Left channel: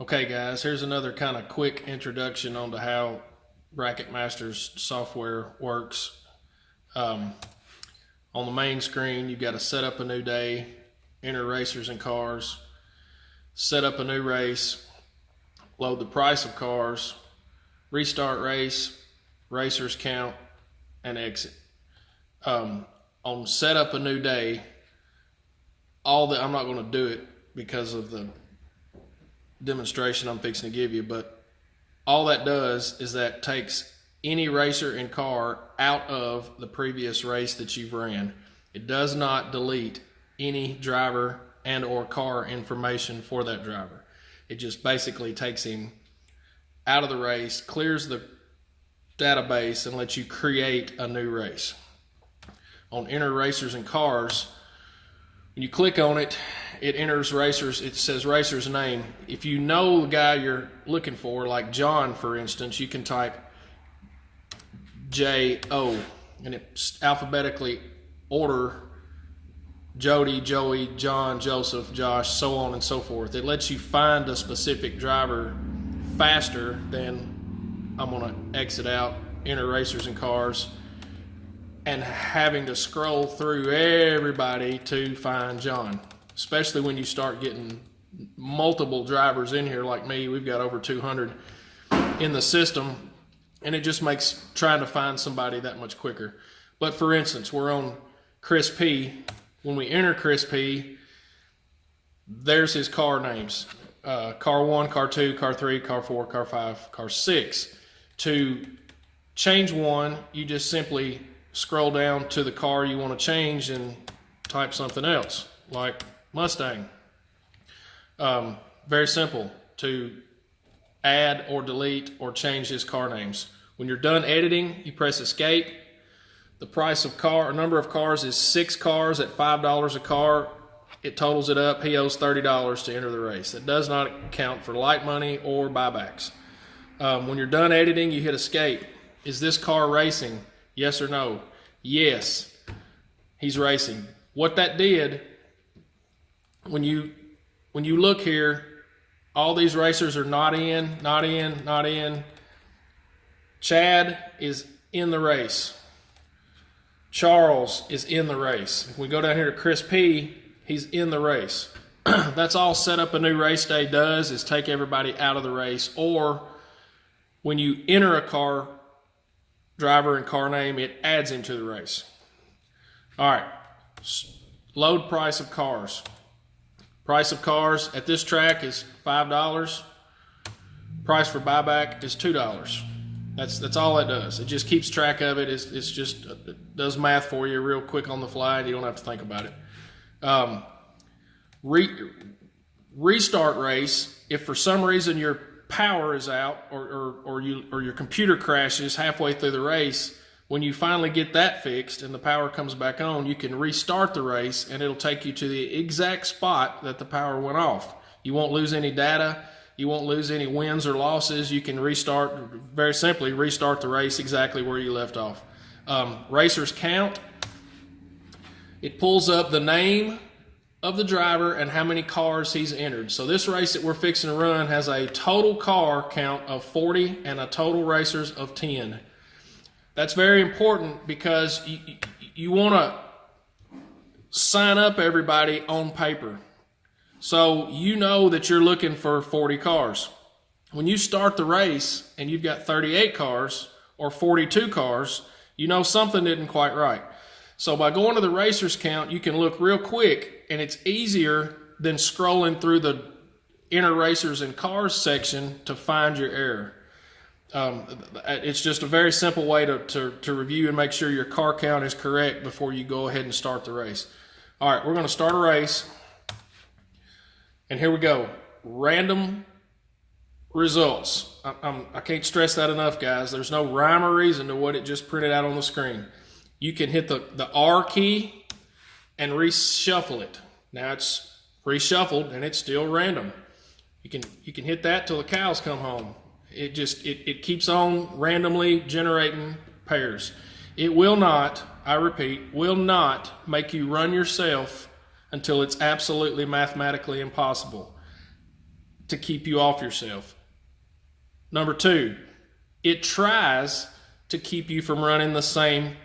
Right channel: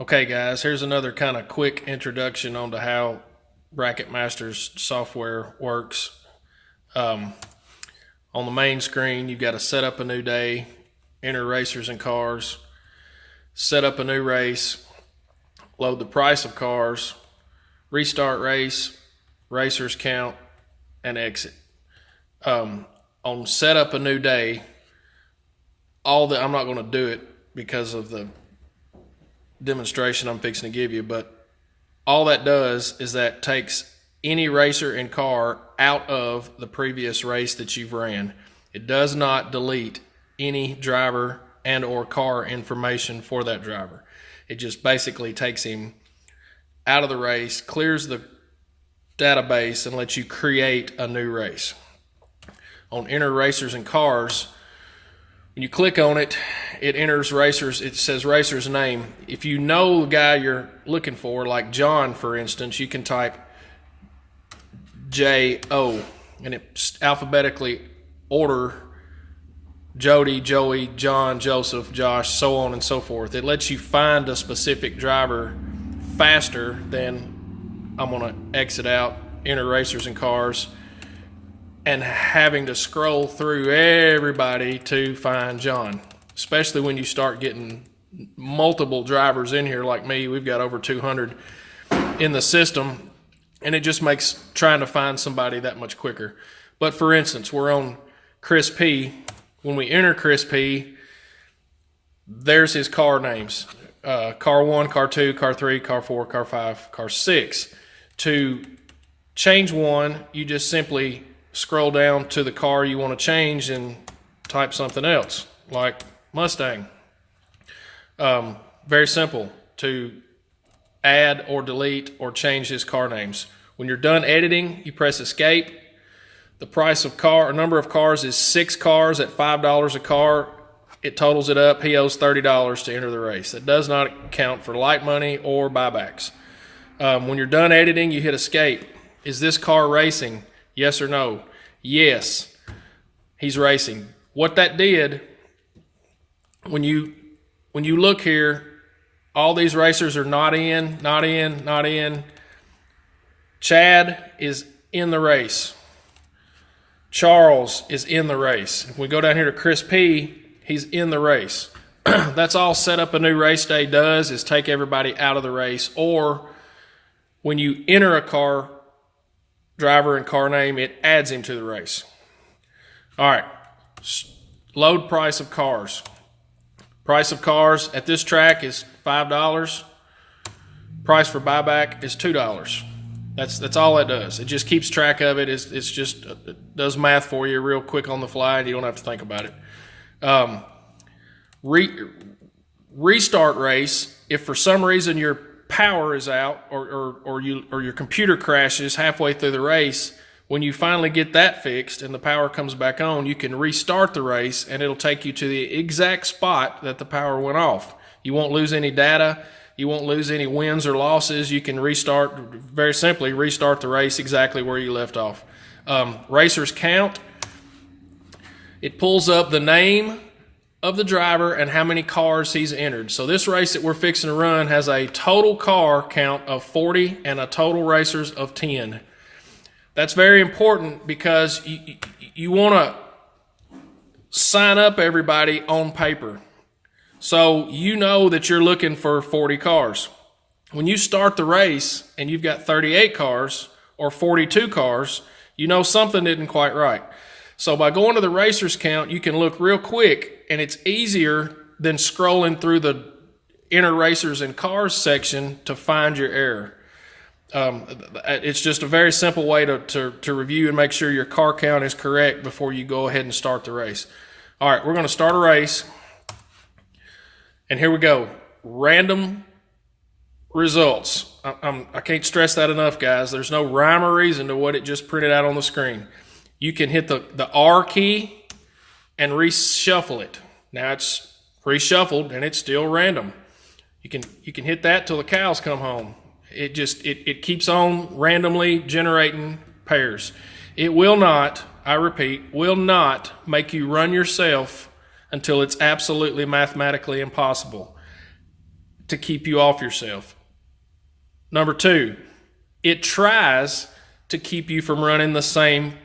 Okay, guys, here's another kind of quick introduction onto how Bracket Masters software works. On the main screen, you've got to set up a new day, enter racers and cars, set up a new race, load the price of cars, restart race, racers count, and exit. On set up a new day, I'm not going to do it because of the demonstration I'm fixing to give you, but all that does is that takes any racer and car out of the previous race that you've ran. It does not delete any driver and or car information for that driver. It just basically takes him out of the race, clears the database, and lets you create a new race. On enter racers and cars, when you click on it, it enters racers. It says racer's name. If you know the guy you're looking for, like John, for instance, you can type J-O, and it alphabetically order Jody, Joey, John, Joseph, Josh, so on and so forth. It lets you find a specific driver faster than I'm going to exit out, enter racers and cars, and having to scroll through everybody to find John, especially when you start getting multiple drivers in here like me. We've got over 200 in the system, and it just makes trying to find somebody that much quicker. But for instance, we're on Chris P. When we enter Chris P., there's his car names. Car 1, Car 2, Car 3, Car 4, Car 5, Car 6. To change one, you just simply scroll down to the car you want to change and type something else, like Mustang. Very simple to add or delete or change his car names. When you're done editing, you press escape. The price of car, or number of cars, is 6 cars at $5 a car. It totals it up. He owes $30 to enter the race. That does not count for light money or buybacks. When you're done editing, you hit escape. Is this car racing? Yes or no? Yes, he's racing. What that did, when you look here, all these racers are not in, not in, not in. Chad is in the race. Charles is in the race. If we go down here to Chris P., he's in the race. That's all set up a new race day does, is take everybody out of the race. Or when you enter a car, driver and car name, it adds him to the race. All right, load price of cars. Price of cars at this track is $5. Price for buyback is $2. That's all it does. It just keeps track of it. It's just it does math for you real quick on the fly, and you don't have to think about it. Restart race. If for some reason your power is out or your computer crashes halfway through the race, when you finally get that fixed and the power comes back on, you can restart the race and it'll take you to the exact spot that the power went off. You won't lose any data. You won't lose any wins or losses. You can restart, very simply, restart the race exactly where you left off. Racers count. It pulls up the name of the driver and how many cars he's entered. So this race that we're fixing to run has a total car count of 40 and a total racers of 10. That's very important because you want to sign up everybody on paper. So you know that you're looking for 40 cars. When you start the race and you've got 38 cars or 42 cars, you know something isn't quite right. So by going to the racers count, you can look real quick, and it's easier than scrolling through the enter racers and cars section to find your error. It's just a very simple way to review and make sure your car count is correct before you go ahead and start the race. All right, we're going to start a race, and here we go. Random results. I can't stress that enough, guys. There's no rhyme or reason to what it just printed out on the screen. You can hit the R key and reshuffle it. Now it's reshuffled and it's still random. You can hit that till the cows come home. It keeps on randomly generating pairs. It will not, I repeat, will not make you run yourself until it's absolutely mathematically impossible. to keep you off yourself. Number 2, it tries to keep you from running the same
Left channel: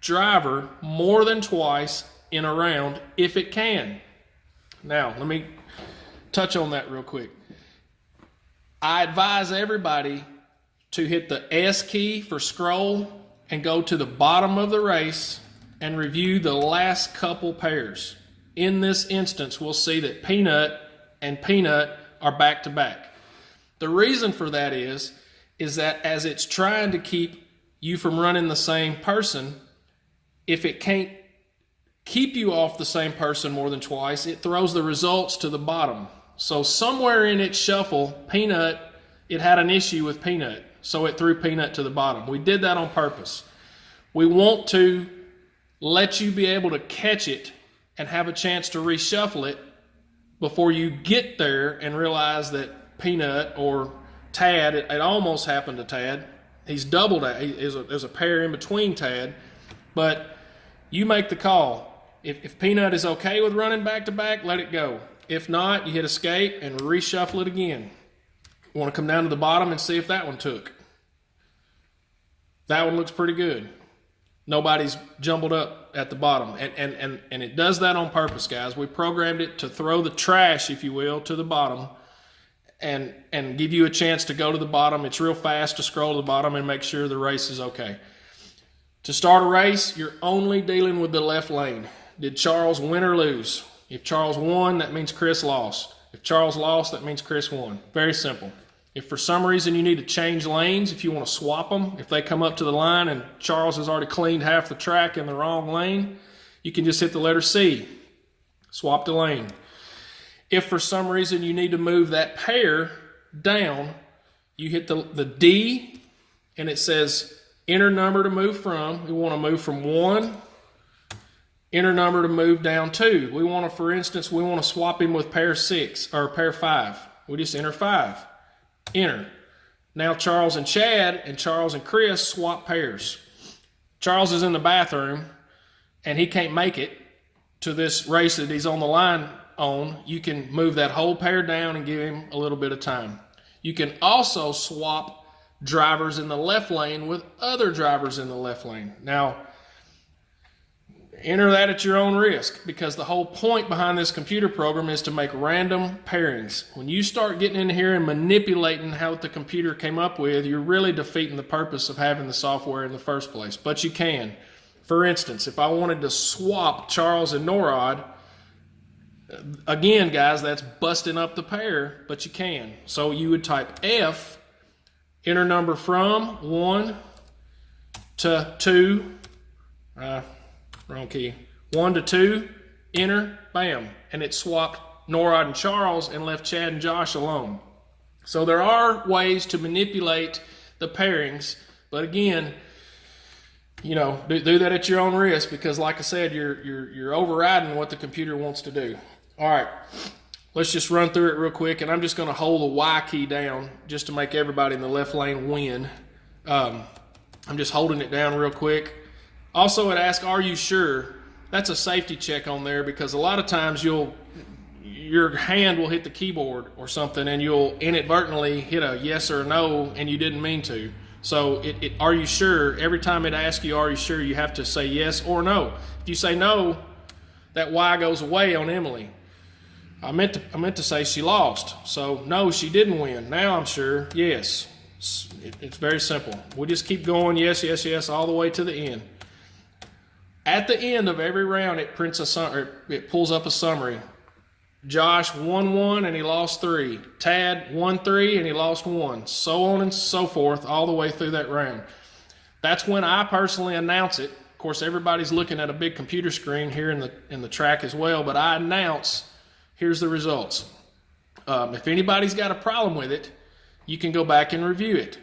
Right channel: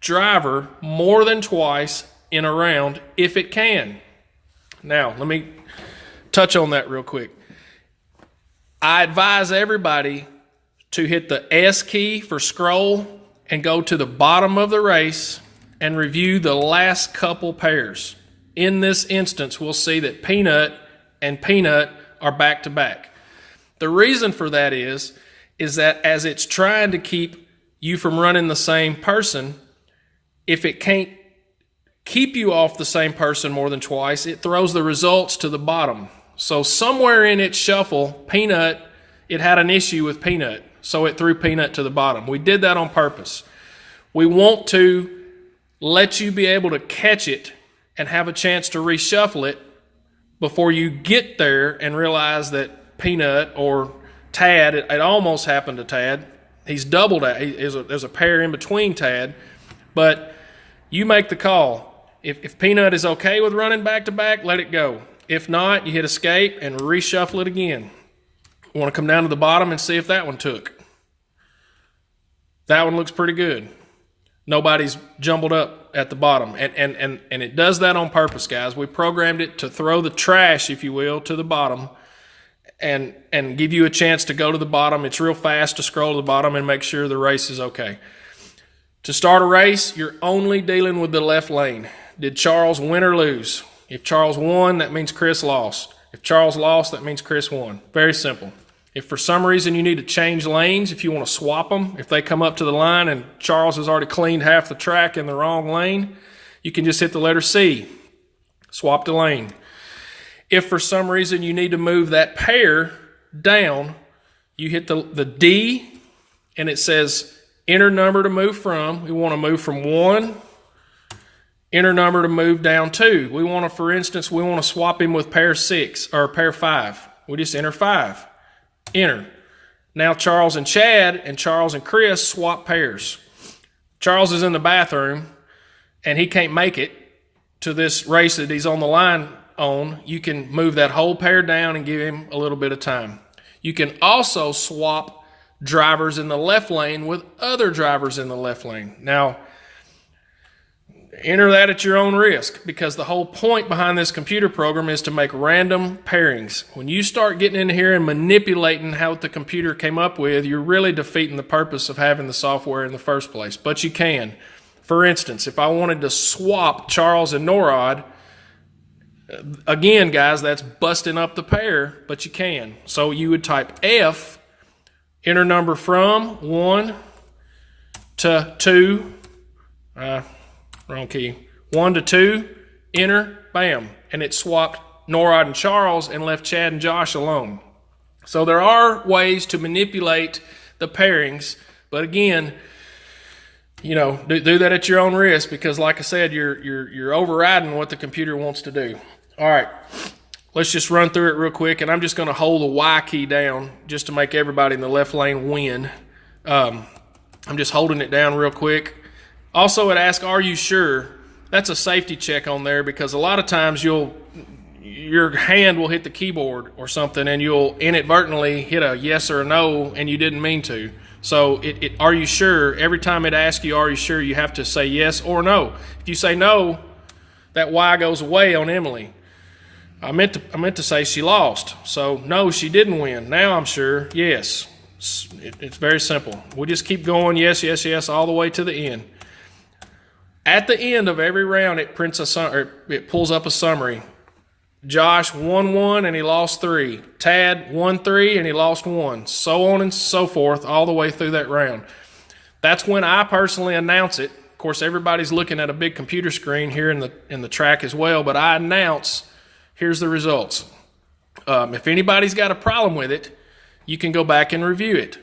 driver more than twice in a round if it can. Now, let me touch on that real quick. I advise everybody to hit the S key for scroll and go to the bottom of the race and review the last couple pairs. In this instance, we'll see that Peanut and Peanut are back to back. The reason for that is that as it's trying to keep you from running the same person, if it can't keep you off the same person more than twice, it throws the results to the bottom. So somewhere in its shuffle, Peanut, it had an issue with Peanut, so it threw Peanut to the bottom. We did that on purpose. We want to let you be able to catch it and have a chance to reshuffle it before you get there and realize that Peanut or Tad, it almost happened to Tad. He's doubled that. There's a pair in between Tad, but you make the call. If Peanut is okay with running back to back, let it go. If not, you hit escape and reshuffle it again. You want to come down to the bottom and see if that one took. That one looks pretty good. Nobody's jumbled up at the bottom. And it does that on purpose, guys. We programmed it to throw the trash, if you will, to the bottom and give you a chance to go to the bottom. It's real fast to scroll to the bottom and make sure the race is okay. To start a race, you're only dealing with the left lane. Did Charles win or lose? If Charles won, that means Chris lost. If Charles lost, that means Chris won. Very simple. If for some reason you need to change lanes, if you want to swap them, if they come up to the line and Charles has already cleaned half the track in the wrong lane, you can just hit the letter C, swap the lane. If for some reason you need to move that pair down, you hit the D and it says enter number to move from. We want to move from 1, enter number to move down 2. We want to, for instance, we want to swap him with pair 6 or pair 5. We just enter 5. Enter. Now Charles and Chad and Charles and Chris swap pairs. Charles is in the bathroom and he can't make it to this race that he's on the line on. You can move that whole pair down and give him a little bit of time. You can also swap drivers in the left lane with other drivers in the left lane. Now, enter that at your own risk, because the whole point behind this computer program is to make random pairings. When you start getting in here and manipulating how the computer came up with, you're really defeating the purpose of having the software in the first place. But you can. For instance, if I wanted to swap Charles and Norad, again, guys, that's busting up the pair, but you can. So you would type F, enter number from 1 to 2, wrong key. 1 to 2, enter, bam. And it swapped Norad and Charles and left Chad and Josh alone. So there are ways to manipulate the pairings, but again, you know, do that at your own risk, because like I said, you're overriding what the computer wants to do. All right, let's just run through it real quick, and I'm just going to hold the Y key down just to make everybody in the left lane win. I'm just holding it down real quick. Also, it asks, are you sure? That's a safety check on there, because a lot of times your hand will hit the keyboard or something and you'll inadvertently hit a yes or a no and you didn't mean to. So are you sure? Every time it asks you, are you sure, you have to say yes or no. If you say no, that Y goes away on Emily. I meant to say she lost. So no, she didn't win. Now I'm sure, yes. It's very simple. We'll just keep going, yes, yes, yes, all the way to the end. At the end of every round, it pulls up a summary. Josh won 1 and he lost 3. Tad won 3 and he lost 1. So on and so forth, all the way through that round. That's when I personally announce it. Of course, everybody's looking at a big computer screen here in the track as well, but I announce, here's the results. If anybody's got a problem with it, you can go back and review it. It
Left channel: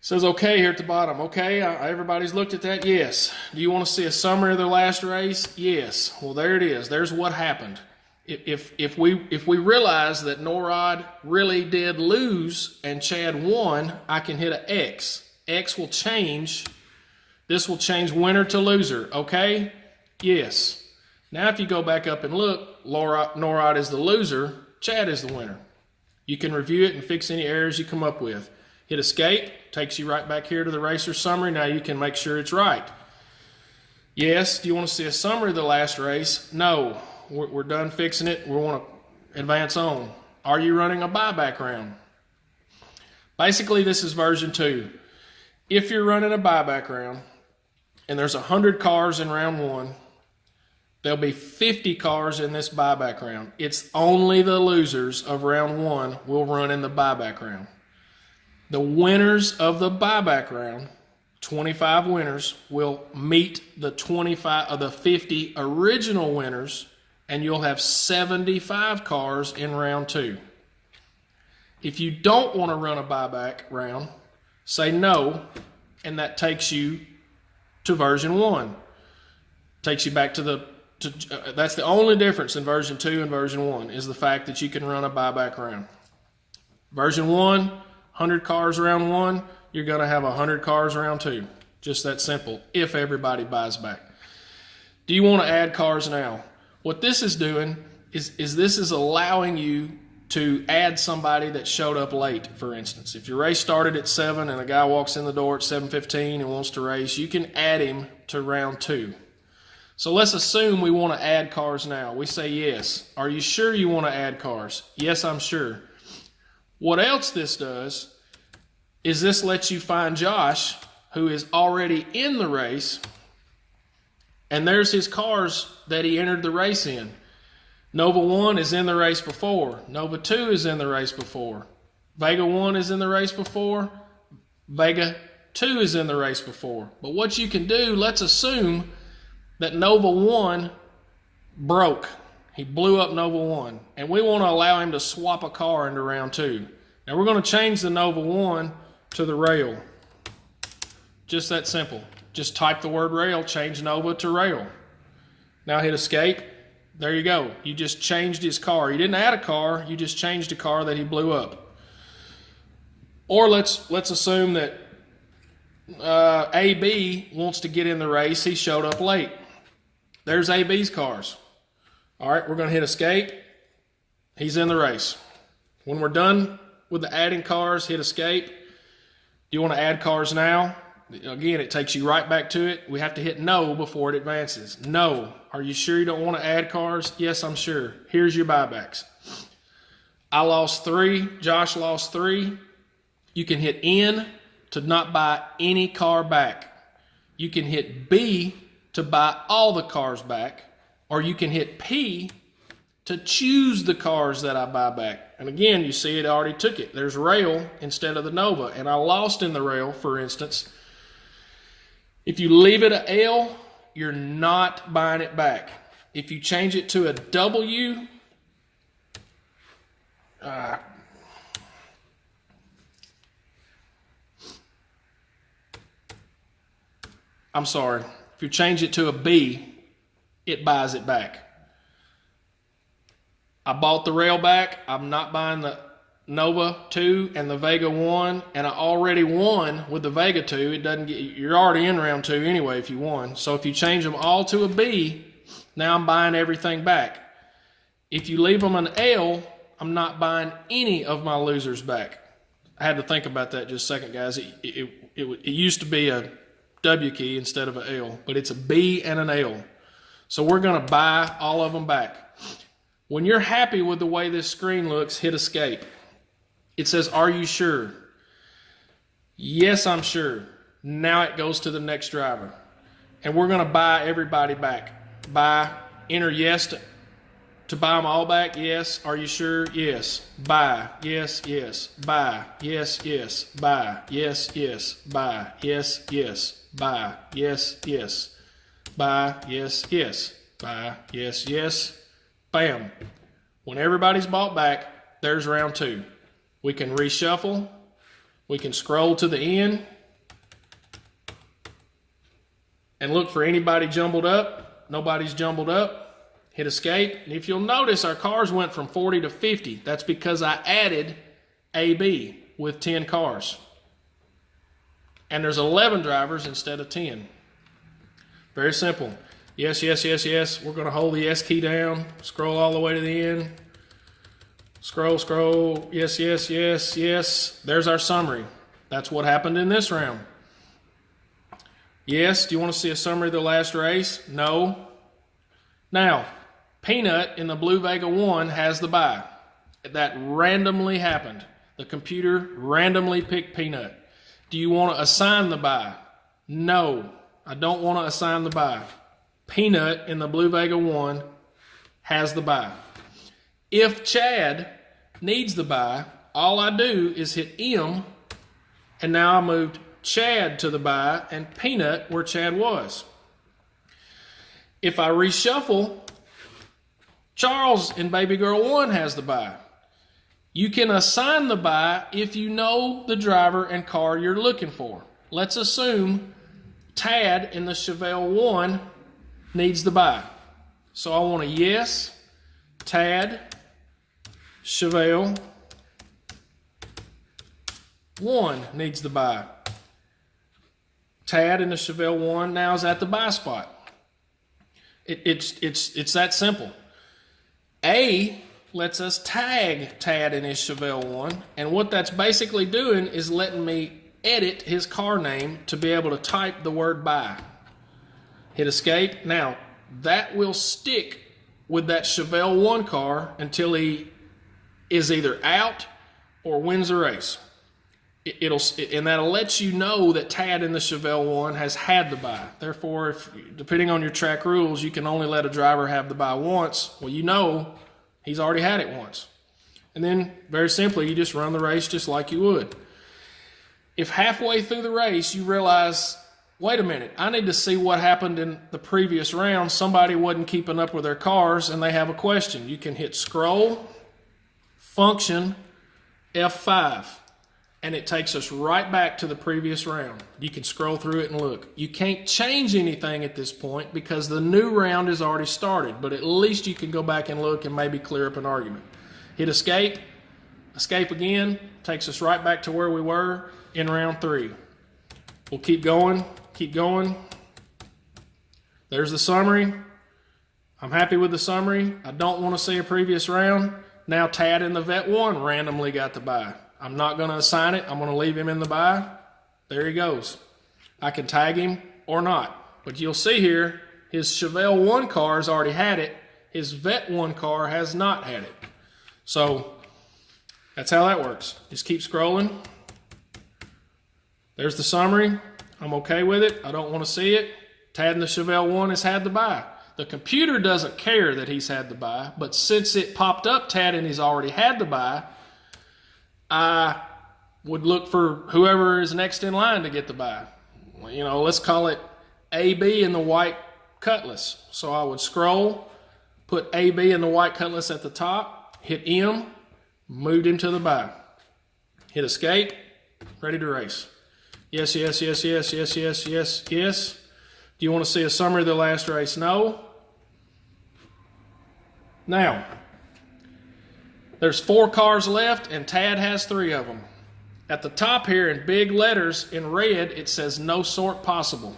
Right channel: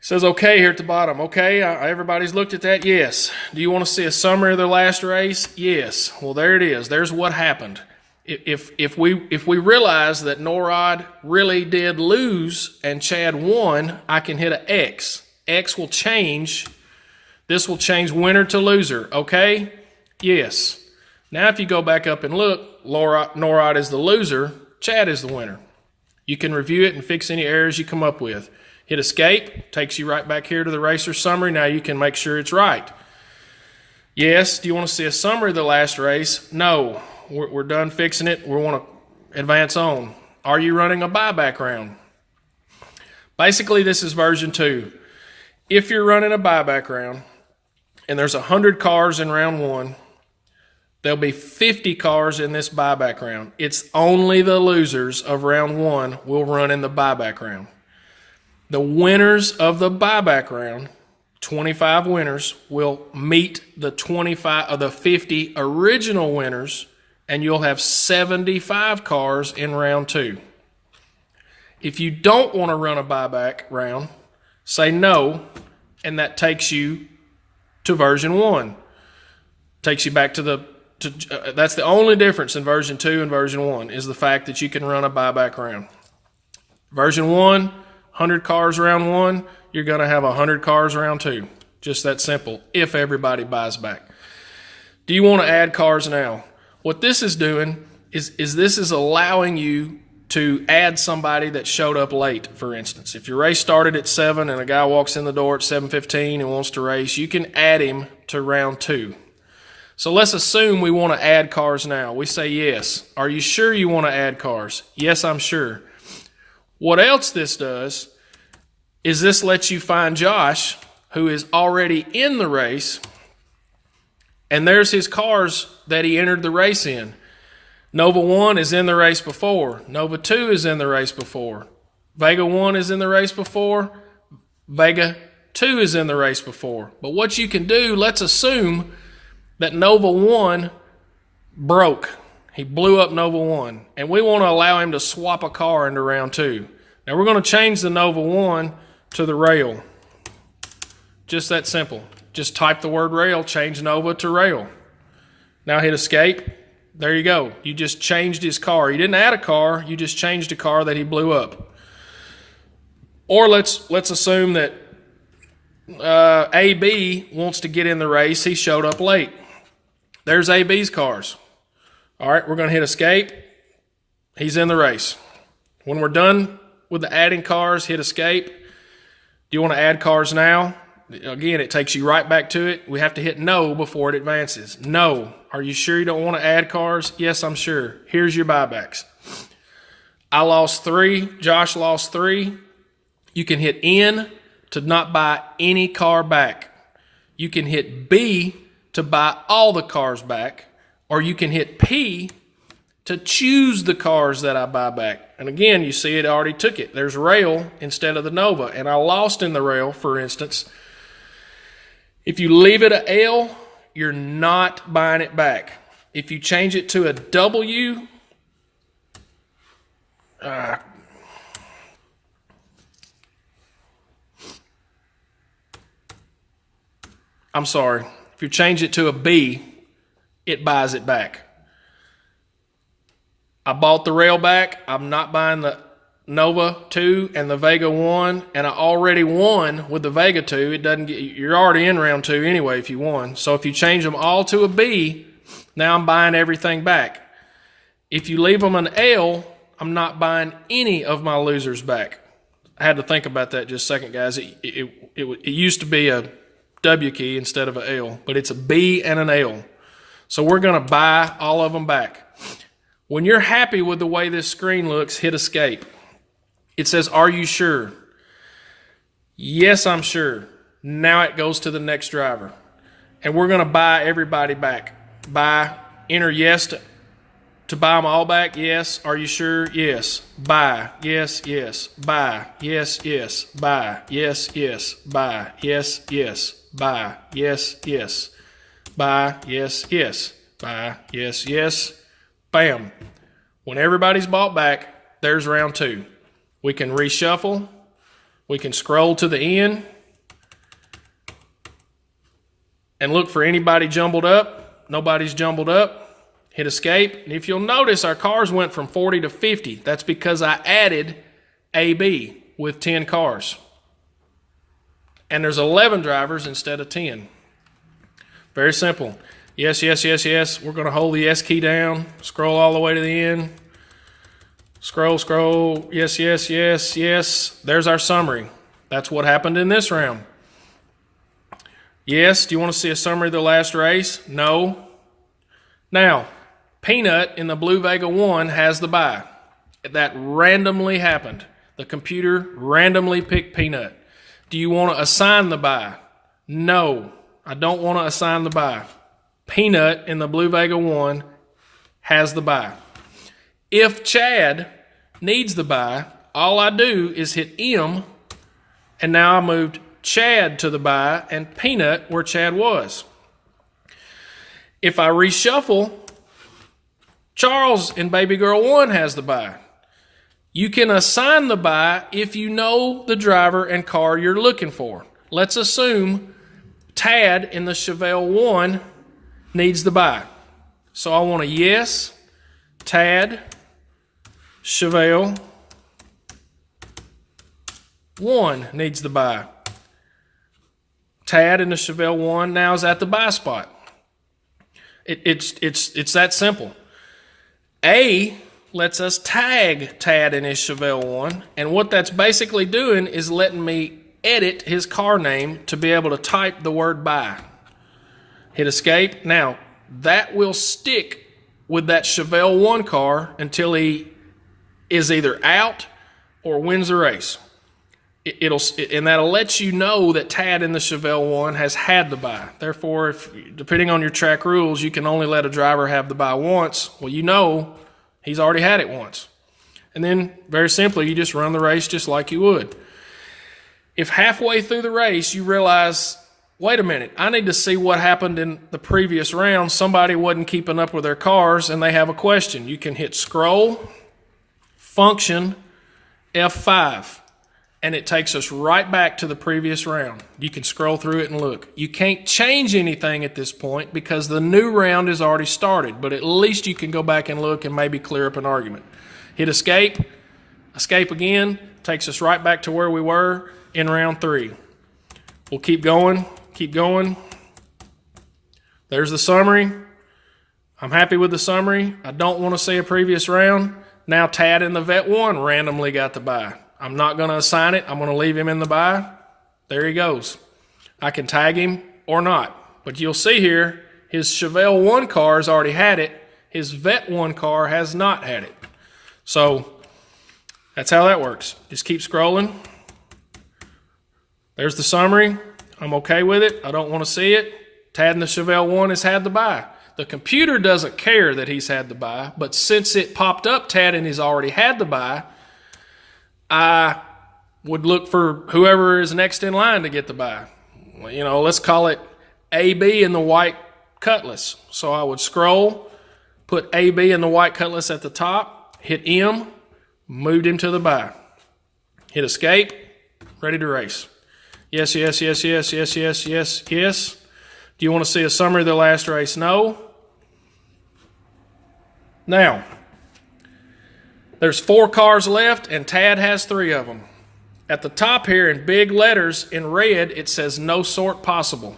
says okay here at the bottom. Okay, everybody's looked at that? Yes. Do you want to see a summary of their last race? Yes. Well, there it is. There's what happened. If we realize that Norad really did lose and Chad won, I can hit an X. X will change. This will change winner to loser. Okay? Yes. Now if you go back up and look, Norad is the loser, Chad is the winner. You can review it and fix any errors you come up with. Hit escape, takes you right back here to the racer summary. Now you can make sure it's right. Yes, do you want to see a summary of the last race? No, we're done fixing it. We want to advance on. Are you running a buyback round? Basically, this is version 2. If you're running a buyback round and there's 100 cars in round 1, there'll be 50 cars in this buyback round. It's only the losers of round 1 will run in the buyback round. The winners of the buyback round, 25 winners, will meet the 25 of the 50 original winners, and you'll have 75 cars in round 2. If you don't want to run a buyback round, say no, and that takes you to version 1. Takes you back to that's the only difference in version 2 and version 1 is the fact that you can run a buyback round. Version 1, 100 cars round 1, you're going to have 100 cars round 2. Just that simple, if everybody buys back. Do you want to add cars now? What this is doing is this is allowing you to add somebody that showed up late, for instance. If your race started at 7 and a guy walks in the door at 7:15 and wants to race, you can add him to round 2. So let's assume we want to add cars now. We say yes. Are you sure you want to add cars? Yes, I'm sure. What else this does is this lets you find Josh, who is already in the race, and there's his cars that he entered the race in. Nova 1 is in the race before. Nova 2 is in the race before. Vega 1 is in the race before. Vega 2 is in the race before. But what you can do, let's assume that Nova 1 broke. He blew up Nova 1. And we want to allow him to swap a car into round 2. Now we're going to change the Nova 1 to the rail. Just that simple. Just type the word rail, change Nova to rail. Now hit escape. There you go. You just changed his car. You didn't add a car, you just changed a car that he blew up. Or let's assume that AB wants to get in the race. He showed up late. There's AB's cars. All right, we're going to hit escape. He's in the race. When we're done with the adding cars, hit escape. Do you want to add cars now? Again, it takes you right back to it. We have to hit no before it advances. No. Are you sure you don't want to add cars? Yes, I'm sure. Here's your buybacks. I lost 3. Josh lost 3. You can hit N to not buy any car back. You can hit B to buy all the cars back. Or you can hit P to choose the cars that I buy back. And again, you see it already took it. There's rail instead of the Nova. And I lost in the rail, for instance. If you leave it a L, you're not buying it back. If you change it to a W, I'm sorry. If you change it to a B, it buys it back. I bought the rail back. I'm not buying the Nova 2 and the Vega 1, and I already won with the Vega 2. It doesn't get, you're already in round 2 anyway if you won. So if you change them all to a B, now I'm buying everything back. If you leave them an L, I'm not buying any of my losers back. I had to think about that just a second, guys. It used to be a W key instead of an L, but it's a B and an L. So we're going to buy all of them back. When you're happy with the way this screen looks, hit escape. It says, are you sure? Yes, I'm sure. Now it goes to the next driver. And we're going to buy everybody back. Enter yes to buy them all back. Yes. Are you sure? Yes. Buy. Yes, yes. Buy. Yes, yes. Buy. Yes, yes. Buy. Yes, yes. Buy. Yes, yes. Buy. Yes, yes. Buy. Yes, yes. Bam. When everybody's bought back, there's round 2. We can reshuffle. We can scroll to the end and look for anybody jumbled up. Nobody's jumbled up. Hit escape. And if you'll notice, our cars went from 40 to 50. That's because I added AB with 10 cars. And there's 11 drivers instead of 10. Very simple. Yes, yes, yes, yes. We're going to hold the S key down. Scroll all the way to the end. Scroll, scroll. Yes, yes, yes, yes. There's our summary. That's what happened in this round. Yes, do you want to see a summary of the last race? No. Now, Peanut in the Blue Vega 1 has the bye. That randomly happened. The computer randomly picked Peanut. Do you want to assign the bye? No, I don't want to assign the bye. Peanut in the Blue Vega 1 has the bye. If Chad needs the bye, all I do is hit M, and now I moved Chad to the bye and Peanut where Chad was. If I reshuffle, Charles in Baby Girl 1 has the bye. You can assign the bye if you know the driver and car you're looking for. Let's assume Tad in the Chevelle 1 needs the bye. So I want a yes, Tad, Chevelle 1 needs the bye. Tad in the Chevelle 1 now is at the bye spot. It's that simple. A lets us tag Tad in his Chevelle 1, and what that's basically doing is letting me edit his car name to be able to type the word bye. Hit escape. Now, that will stick with that Chevelle 1 car until he is either out or wins the race. And that'll let you know that Tad in the Chevelle 1 has had the bye. Therefore, depending on your track rules, you can only let a driver have the bye once. Well, you know he's already had it once. And then, very simply, you just run the race just like you would. If halfway through the race you realize, wait a minute, I need to see what happened in the previous round. Somebody wasn't keeping up with their cars and they have a question. You can hit scroll, function, F5. And it takes us right back to the previous round. You can scroll through it and look. You can't change anything at this point because the new round has already started, but at least you can go back and look and maybe clear up an argument. Hit escape, escape again, takes us right back to where we were in round 3. We'll keep going, keep going. There's the summary. I'm happy with the summary. I don't want to see a previous round. Now Tad in the Vet 1 randomly got the bye. I'm not going to assign it. I'm going to leave him in the bye. There he goes. I can tag him or not. But you'll see here, his Chevelle 1 car has already had it. His Vet 1 car has not had it. So that's how that works. Just keep scrolling. There's the summary. I'm okay with it. I don't want to see it. Tad in the Chevelle 1 has had the bye. The computer doesn't care that he's had the bye, but since it popped up Tad and he's already had the bye, I would look for whoever is next in line to get the bye. You know, let's call it AB in the white Cutlass. So I would scroll, put AB in the white Cutlass at the top, hit M, moved him to the bye. Hit escape, ready to race. Yes, yes, yes, yes, yes, yes, yes, yes. Do you want to see a summary of the last race? No. Now, there's 4 cars left, and Tad has 3 of them. At the top here in big letters in red, it says no sort possible.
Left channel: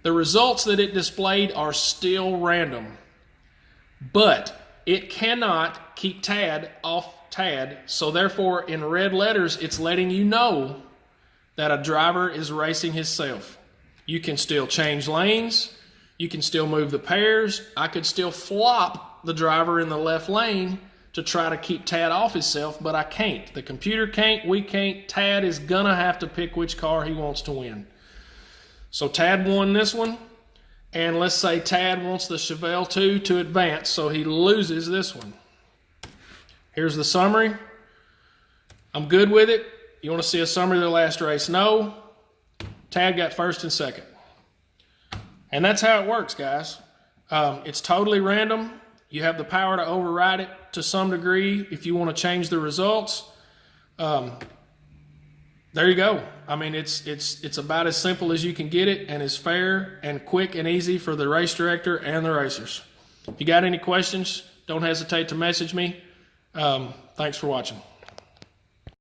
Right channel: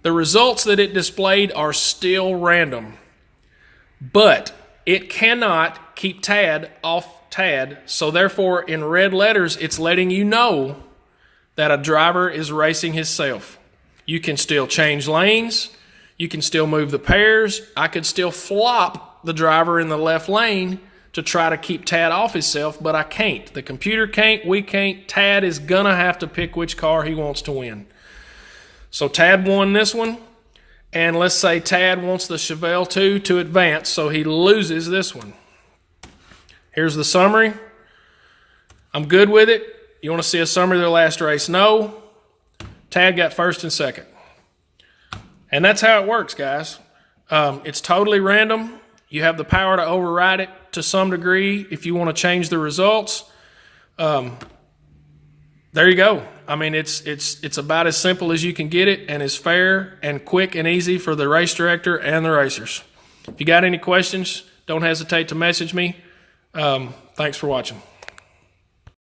The results that it displayed are still random, but it cannot keep Tad off Tad, so therefore in red letters, it's letting you know that a driver is racing himself. You can still change lanes. You can still move the pairs. I could still flop the driver in the left lane to try to keep Tad off himself, but I can't. The computer can't, we can't. Tad is going to have to pick which car he wants to win. So Tad won this one, and let's say Tad wants the Chevelle 2 to advance, so he loses this one. Here's the summary. I'm good with it. You want to see a summary of the last race? No. Tad got first and second. And that's how it works, guys. It's totally random. You have the power to override it to some degree if you want to change the results. There you go. I mean, it's about as simple as you can get it, and as fair and quick and easy for the race director and the racers. If you got any questions, don't hesitate to message me. Thanks for watching.